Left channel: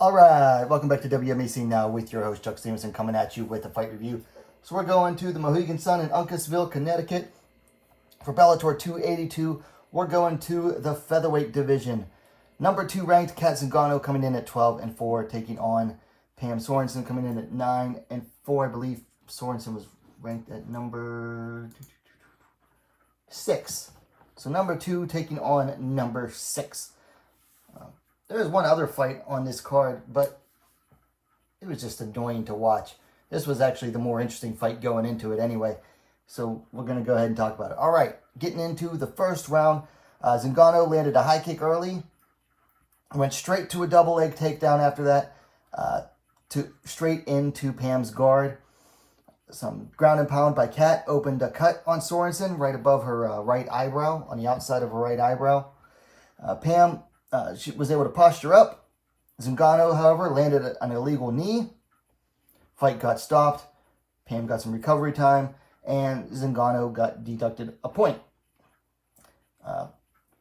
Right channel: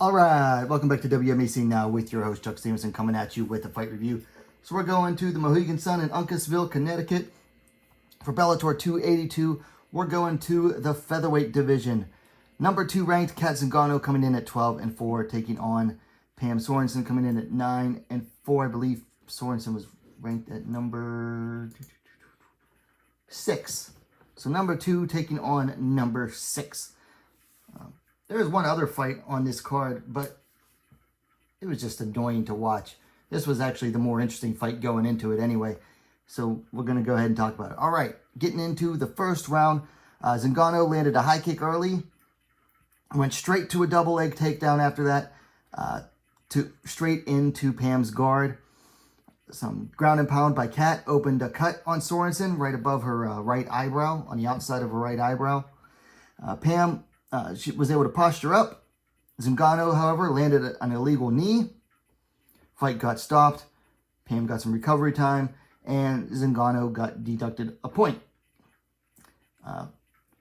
All right, welcome back to WMMA now with your host, Chuck Stevenson, coming at you with a fight review. So we're going to the Mohegan Sun in Uncasville, Connecticut for Bellator 282. We're going to the Featherweight division. Number 2 ranked Cat Zingano coming in at 12-4, taking on Pam Sorenson coming in at 9-4. I believe Sorenson was ranked at number 6. So number 2 taking on number 6. There's one other fight on this card, but it was just annoying to watch. This was actually the more interesting fight going into it anyway. So we're going to go ahead and talk about it. All right, getting into the first round. Zingano landed a high kick early. Went straight to a double leg takedown after that. Straight into Pam's guard. Some ground and pound by Cat. Opened a cut on Sorenson right above her right eyebrow, on the outside of her right eyebrow. Pam... she was able to posture up. Zingano, however, landed an illegal knee. Fight got stopped. Pam got some recovery time, and Zingano got deducted a point.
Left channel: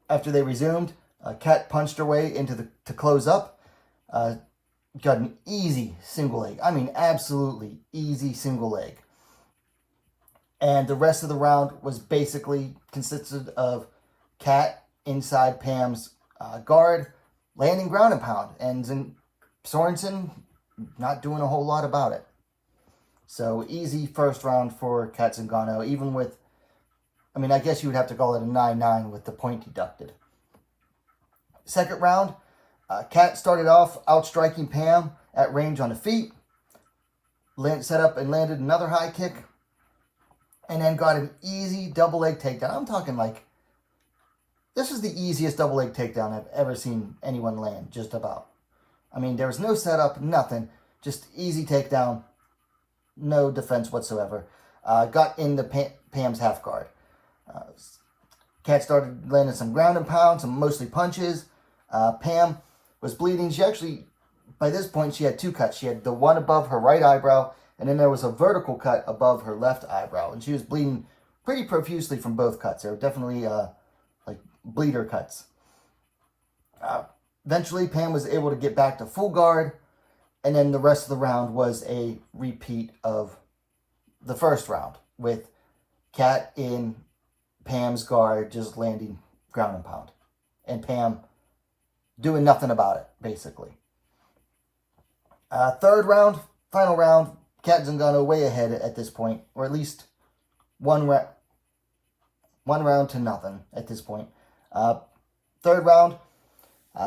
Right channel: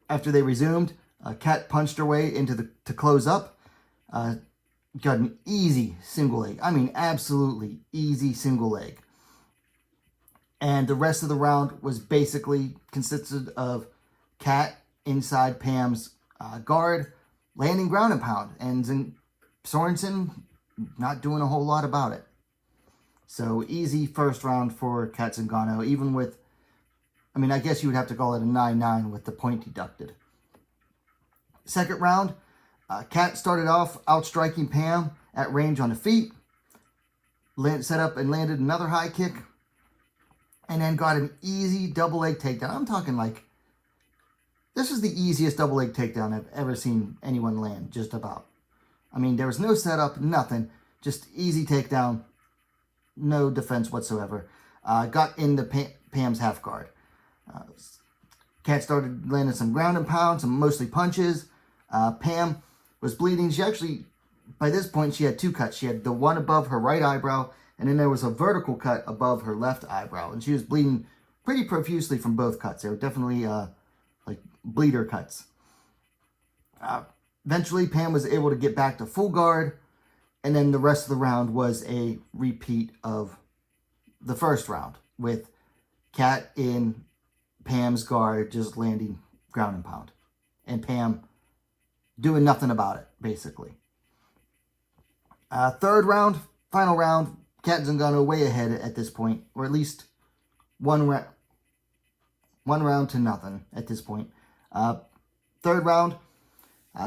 After they resumed, Cat punched her way to close up. Got an easy single leg. I mean, absolutely easy single leg. And the rest of the round was basically consisted of Cat inside Pam's guard, landing ground and pound, and Sorenson not doing a whole lot about it. So easy first round for Cat Zingano, even with, I mean, I guess you would have to call it a 9-9 with the point deducted. Second round, Cat started off outstriking Pam at range on the feet, set up and landed another high kick, and then got an easy double leg takedown. I'm talking like, this was the easiest double leg takedown I've ever seen anyone land, just about. I mean, there was no setup, nothing. Just easy takedown, no defense whatsoever. Got into Pam's half guard. Cat started landing some ground and pound, some mostly punches. Pam was bleeding. She actually, by this point, she had 2 cuts. She had the one above her right eyebrow, and then there was a vertical cut above her left eyebrow. And she was bleeding pretty profusely from both cuts. They were definitely bleeder cuts. Eventually, Pam was able to get back to full guard, and then the rest of the round was a repeat of the first round, with Cat in Pam's guard just landing ground and pound, and Pam doing nothing about it, basically. Third round, final round, Cat Zingano way ahead at this point, or at least one round to nothing at this point. Third round,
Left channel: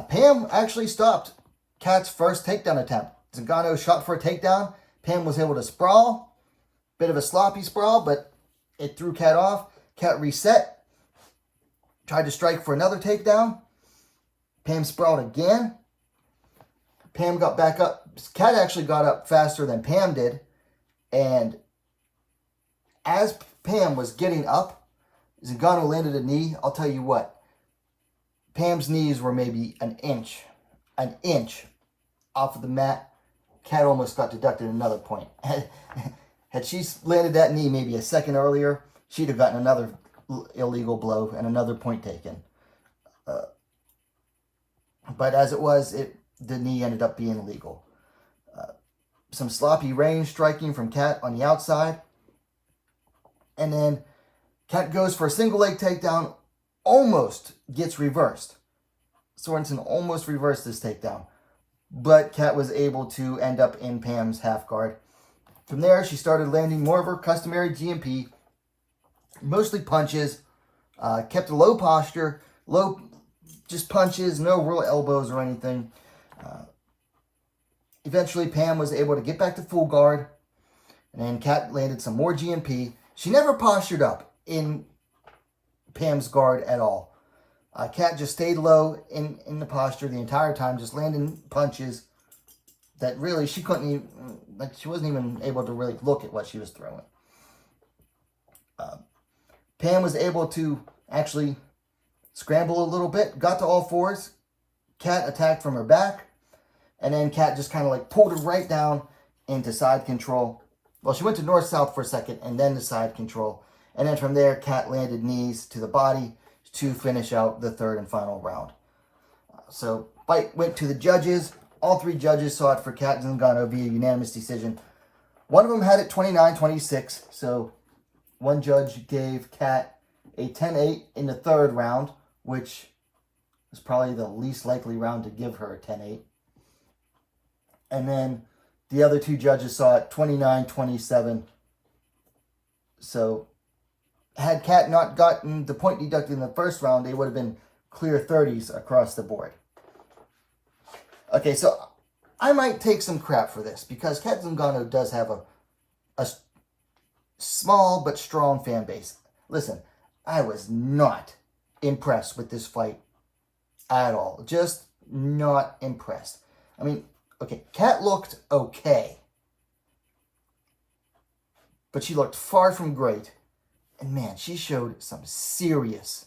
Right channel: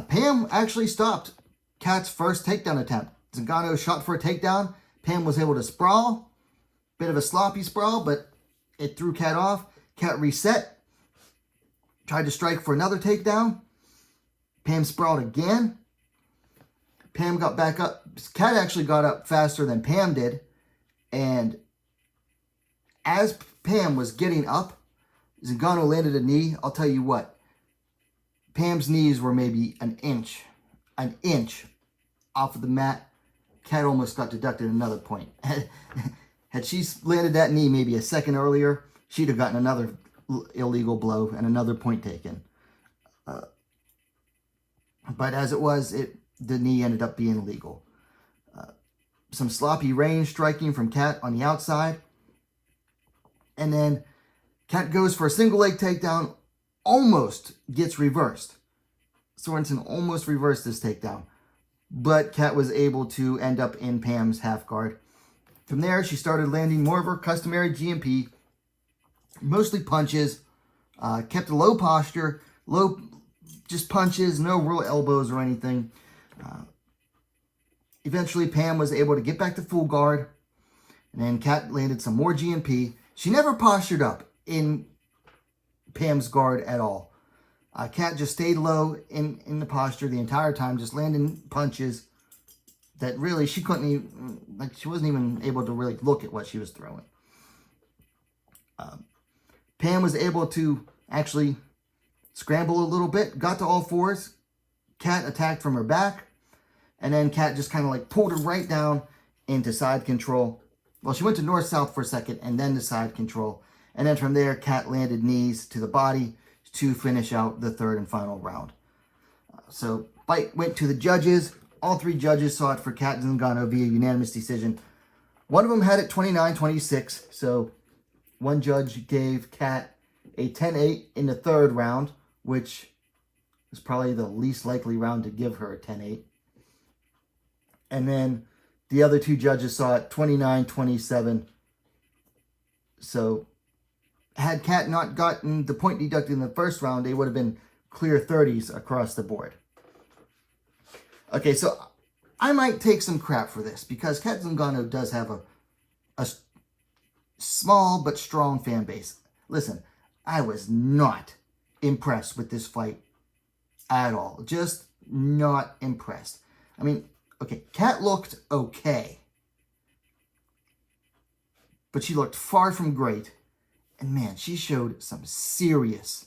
Pam actually stopped Cat's first takedown attempt. Zingano shot for a takedown. Pam was able to sprawl. Bit of a sloppy sprawl, but it threw Cat off. Cat reset. Tried to strike for another takedown. Pam sprawled again. Pam got back up. Cat actually got up faster than Pam did. And as Pam was getting up, Zingano landed a knee. I'll tell you what. Pam's knees were maybe an inch off of the mat. Cat almost got deducted another point. Had she landed that knee maybe a second earlier, she'd have gotten another illegal blow and another point taken. But as it was, the knee ended up being legal. Some sloppy range striking from Cat on the outside. And then Cat goes for a single leg takedown, almost gets reversed. Sorenson almost reversed this takedown, but Cat was able to end up in Pam's half guard. From there, she started landing more of her customary GMP, mostly punches, kept a low posture, just punches, no real elbows or anything. Eventually, Pam was able to get back to full guard, and then Cat landed some more GMP. She never postured up in Pam's guard at all. Cat just stayed low in the posture the entire time, just landing punches that really she couldn't even, she wasn't even able to really look at what she was throwing. Pam was able to actually scramble a little bit, got to all fours. Cat attacked from her back, and then Cat just kind of pulled her right down into side control. Well, she went to north-south for a second, and then to side control. And then from there, Cat landed knees to the body to finish out the third and final round. So fight went to the judges. all three judges saw it for Cat Zingano via unanimous decision. One of them had it 29-26, so one judge gave Cat a 10-8 in the third round, which is probably the least likely round to give her a 10-8. And then the other two judges saw it 29-27. So had Cat not gotten the point deducted in the first round, they would have been clear 30s across the board. Okay, so I might take some crap for this because Cat Zingano does have a small but strong fan base. Listen, I was not impressed with this fight at all. Just not impressed. I mean, okay, Cat looked okay, but she looked far from great. And man, she showed some serious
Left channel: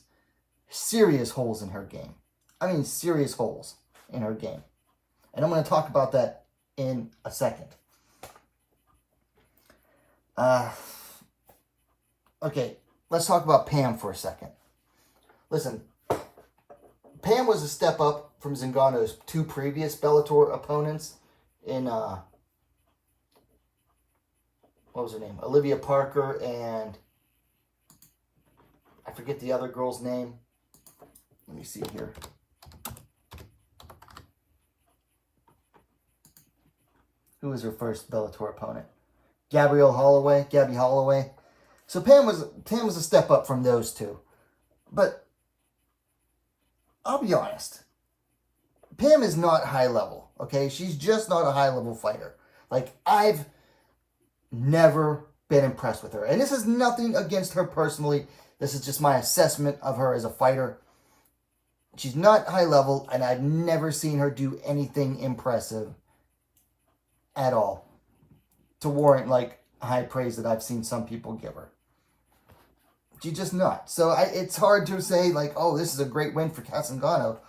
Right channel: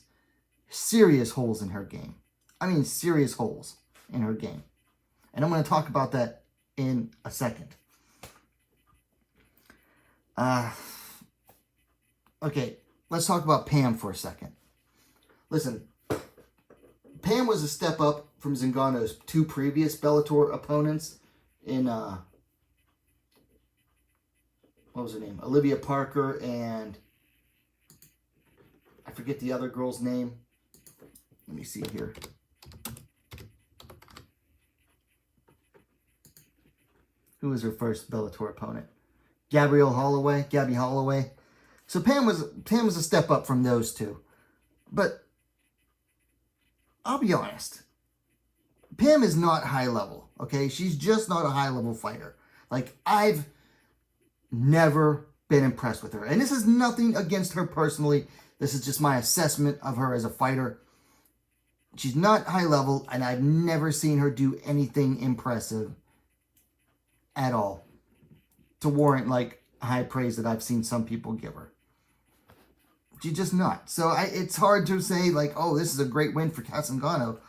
holes in her game. I mean, serious holes in her game. And I'm going to talk about that in a second. Okay, let's talk about Pam for a second. Listen, Pam was a step up from Zingano's two previous Bellator opponents in, what was her name? Olivia Parker and I forget the other girl's name. Let me see here. Who was her first Bellator opponent? Gabby Holloway. So Pam was a step up from those two. But I'll be honest. Pam is not high level, okay? She's just not a high level fighter. Like, I've never been impressed with her. And this is nothing against her personally. This is just my assessment of her as a fighter. She's not high level, and I've never seen her do anything impressive at all to warrant, like, high praise that I've seen some people give her. She's just not. So it's hard to say, like, oh, this is a great win for Cat Zingano.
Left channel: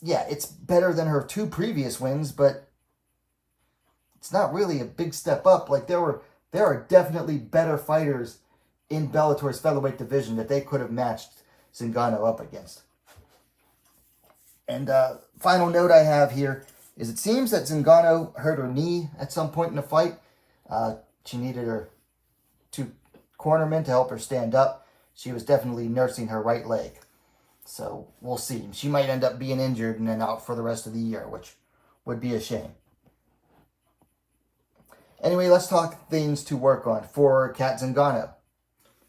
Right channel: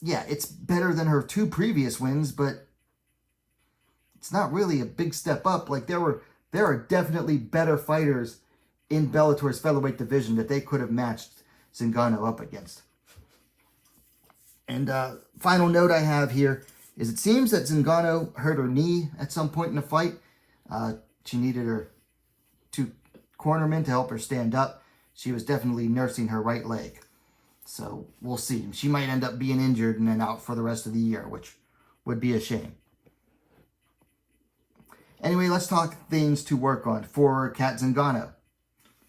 Yeah, it's better than her two previous wins, but it's not really a big step up. Like, there are definitely better fighters in Bellator's featherweight division that they could have matched Zingano up against. And final note I have here is it seems that Zingano hurt her knee at some point in the fight. She needed her two cornermen to help her stand up. She was definitely nursing her right leg. So we'll see. She might end up being injured and then out for the rest of the year, which would be a shame. Anyway, let's talk things to work on for Cat Zingano.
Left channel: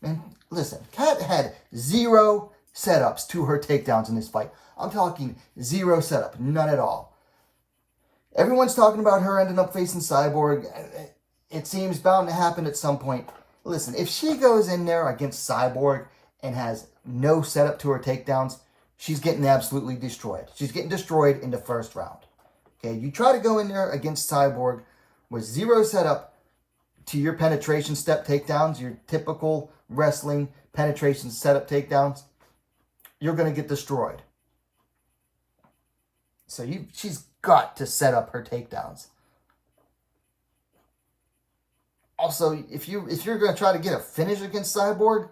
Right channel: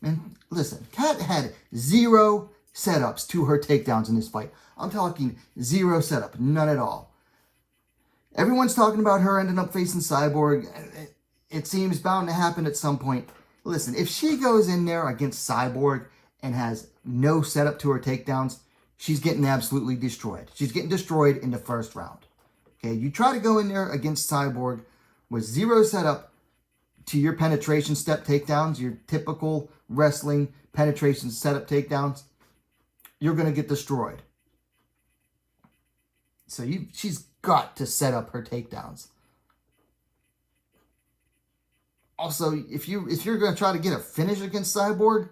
And listen, Cat had 0 setups to her takedowns in this fight. I'm talking 0 setup, none at all. Everyone's talking about her ending up facing Cyborg. It seems bound to happen at some point. Listen, if she goes in there against Cyborg and has no setup to her takedowns, she's getting absolutely destroyed. She's getting destroyed in the first round. Okay, you try to go in there against Cyborg with 0 setup to your penetration step takedowns, your typical wrestling penetration setup takedowns, you're going to get destroyed. So she's got to set up her takedowns. Also, if you're going to try to get a finish against Cyborg,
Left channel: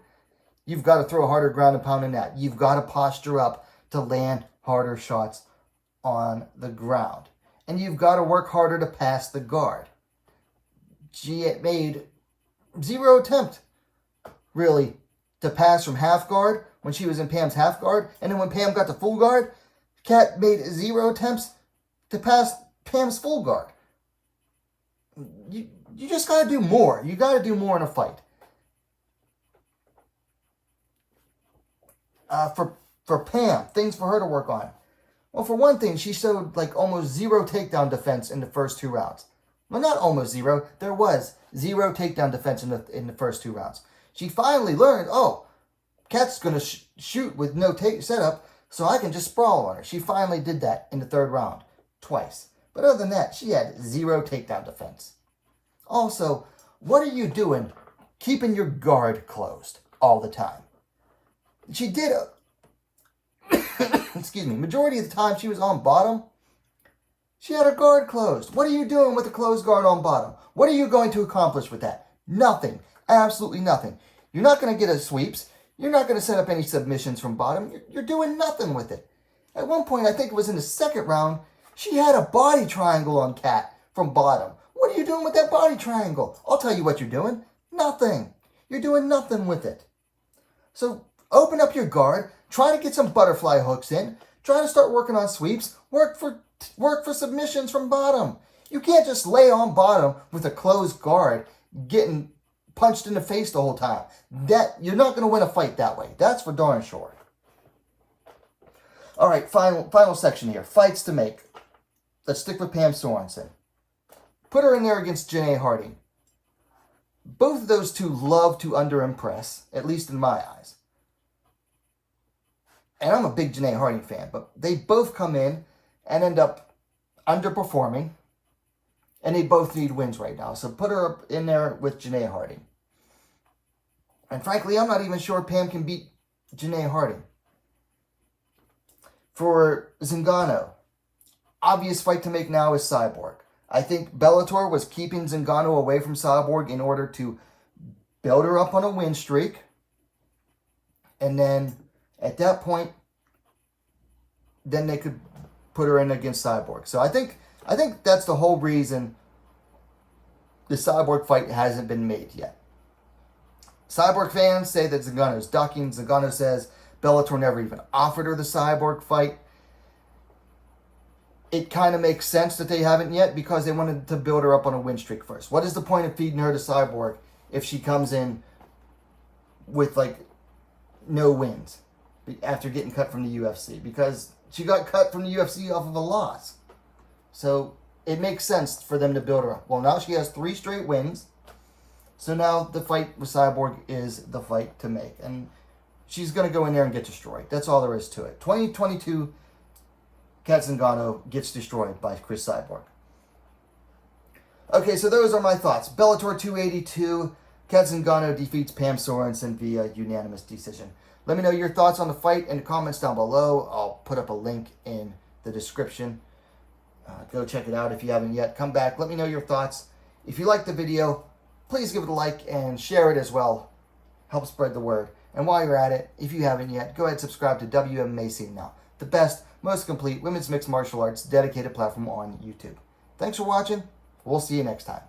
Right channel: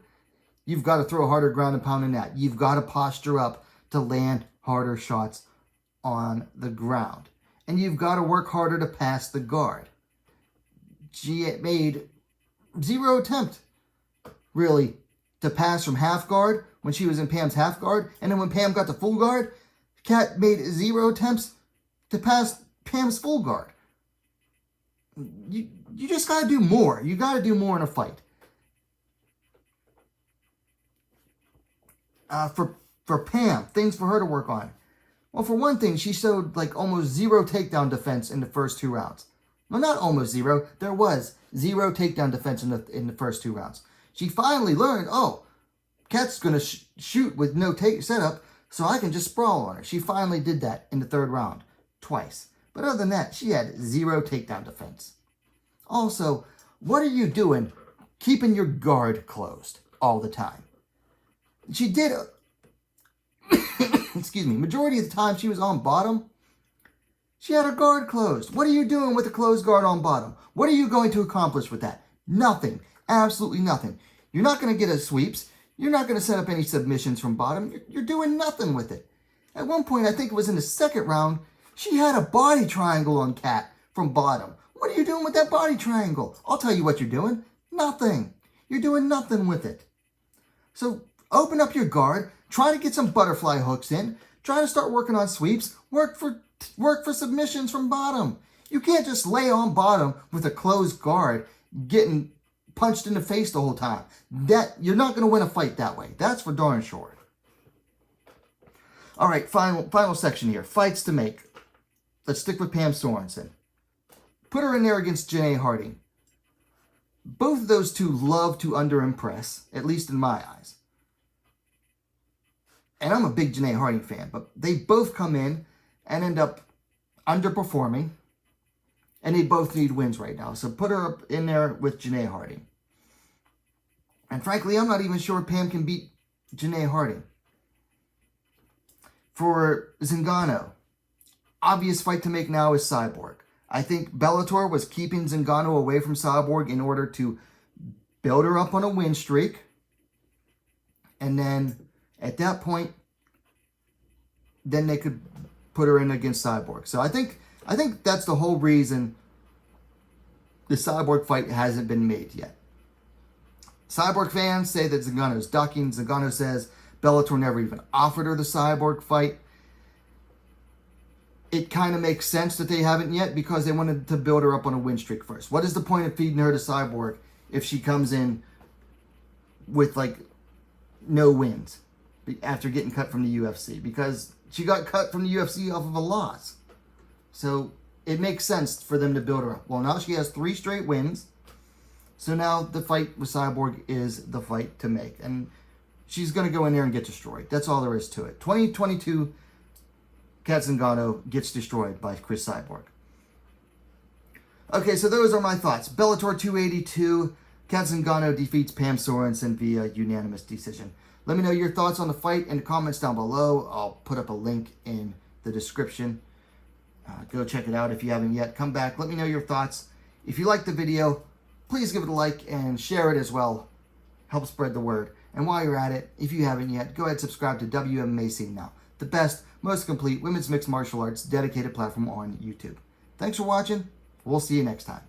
you've got to throw harder ground and pound than that. You've got to posture up to land harder shots on the ground. And you've got to work harder to pass the guard. She made 0 attempt, really, to pass from half guard when she was in Pam's half guard. And then when Pam got to full guard, Cat made 0 attempts to pass Pam's full guard. You just got to do more. You got to do more in a fight. For Pam, things for her to work on. Well, for one thing, she showed like almost 0 takedown defense in the first 2 rounds. Well, not almost 0. There was 0 takedown defense in the first 2 rounds. She finally learned, oh, Cat's going to shoot with no setup, so I can just sprawl on her. She finally did that in the 3rd round, twice. But other than that, she had 0 takedown defense. Also, what are you doing keeping your guard closed all the time? She did, excuse me, majority of the time she was on bottom, she had her guard closed. What are you doing with a closed guard on bottom? What are you going to accomplish with that? Nothing. Absolutely nothing. You're not going to get a sweeps. You're not going to set up any submissions from bottom. You're doing nothing with it. At one point, I think it was in the second round, she had a body triangle on Cat from bottom. What are you doing with that body triangle? I'll tell you what you're doing. Nothing. You're doing nothing with it. So open up your guard. Try to get some butterfly hooks in. Try to start working on sweeps. Work for submissions from bottom. You can't just lay on bottom with a closed guard getting punched in the face the whole time. You're not going to win a fight that way. That's for darn sure. All right, final section here. Fights to make. Let's stick with Pam Sorenson. Put her in there against Janae Harding. Both of those two love to underimpress, at least in my eyes. And I'm a big Janae Harding fan, but they both come in and end up underperforming. And they both need wins right now. So put her in there with Janae Harding. And frankly, I'm not even sure Pam can beat Janae Harding. For Zingano, obvious fight to make now is Cyborg. I think Bellator was keeping Zingano away from Cyborg in order to build her up on a win streak. And then at that point, then they could put her in against Cyborg. So I think that's the whole reason the Cyborg fight hasn't been made yet. Cyborg fans say that Zingano's ducking. Zingano says Bellator never even offered her the Cyborg fight. It kind of makes sense that they haven't yet because they wanted to build her up on a win streak first. What is the point of feeding her to Cyborg if she comes in with like no wins after getting cut from the UFC? Because she got cut from the UFC off of a loss. So it makes sense for them to build her up. Well, now she has 3 straight wins. So now the fight with Cyborg is the fight to make. And she's going to go in there and get destroyed. That's all there is to it. 2022, Cat Zingano gets destroyed by Chris Cyborg. Okay, so those are my thoughts. Bellator 282, Cat Zingano defeats Pam Sorenson via unanimous decision. Let me know your thoughts on the fight in the comments down below. I'll put up a link in the description. Go check it out if you haven't yet. Come back. Let me know your thoughts. If you liked the video, please give it a like and share it as well. Help spread the word. And while you're at it, if you haven't yet, go ahead and subscribe to WMMA Scene Now, the best, most complete women's mixed martial arts dedicated platform on YouTube. Thanks for watching. We'll see you next time.